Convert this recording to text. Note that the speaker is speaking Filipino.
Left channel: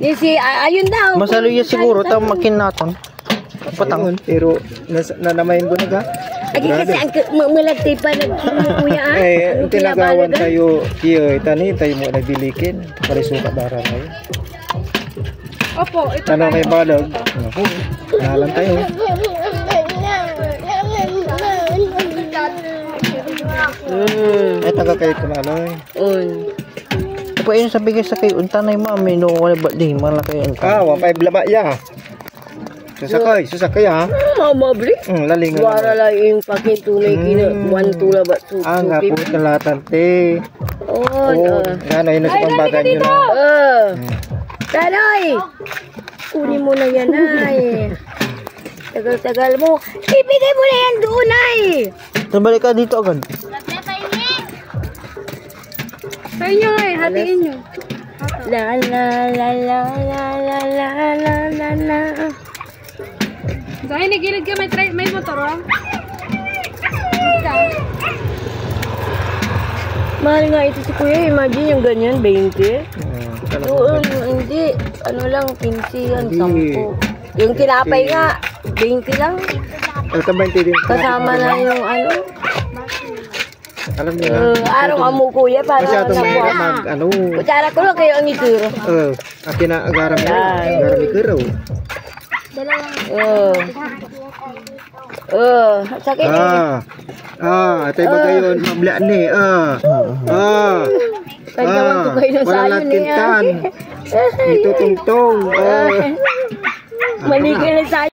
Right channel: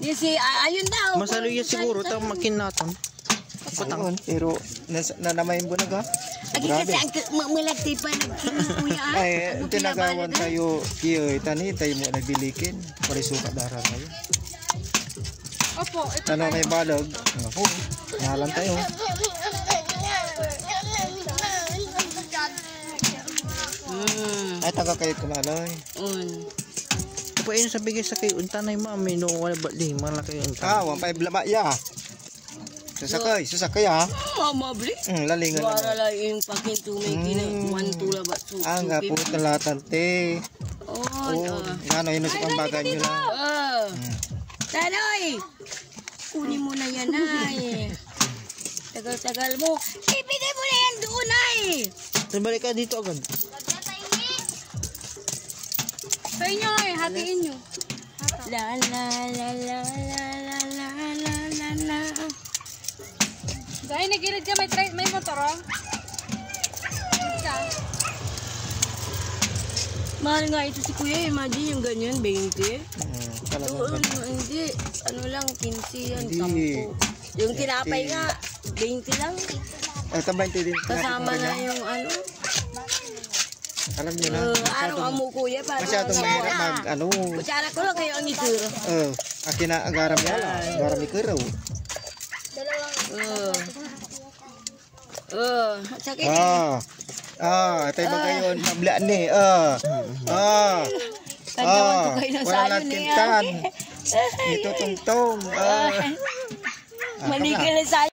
Ayun daw. Masaluya siguro tayo makinaton. Patang. Pero nanamayin ko na ga. Agi kasi ang malagtay pa kuya ah. Eh, tinagawan tayo kiyo tani tayo mo nagbilikin. Parisuka dara tayo. Opo, ito. Tanong kay balag. Ako, nalan tayo. Ay taga kayo kumaloy. Apa yun sabi kayo sa kayo untanay mami no wala ba di malaki ang Wa pa blama ya. Susakay ha. Mabli. Lalingan. Wala lang yung pakintunay kina 1 tula ba to. Ang apo talatan te. Ano yun sa pambagan nyo na. Tanoy! Kunin mo na yan ay. Tagal-tagal mo. Ibigay mo na yan doon ay. Nabalik ka dito agad. Sa inyo nga eh, hatiin nyo. La la la la la la la la la la. Dahil nagilid ka, may motor lang. Mahal nga ito si kuya. Imagine yung ganyan, 20. Doon, hindi. Ano lang, 15 yan, 10. Yung tinapay nga, 20 lang. Kasama na yung ano. Alam niyo na. Araw mo kuya, para Masyadong mahirap kutsara ko lang kayo ang ituro. Akin na agaram niya. Agaram ikaraw. Sakit eh. Atay ba kayo mablaan eh. Kagawan ko kayo ng Wala sayo niya. tintan. Ito tungtong. Maligay na sayo.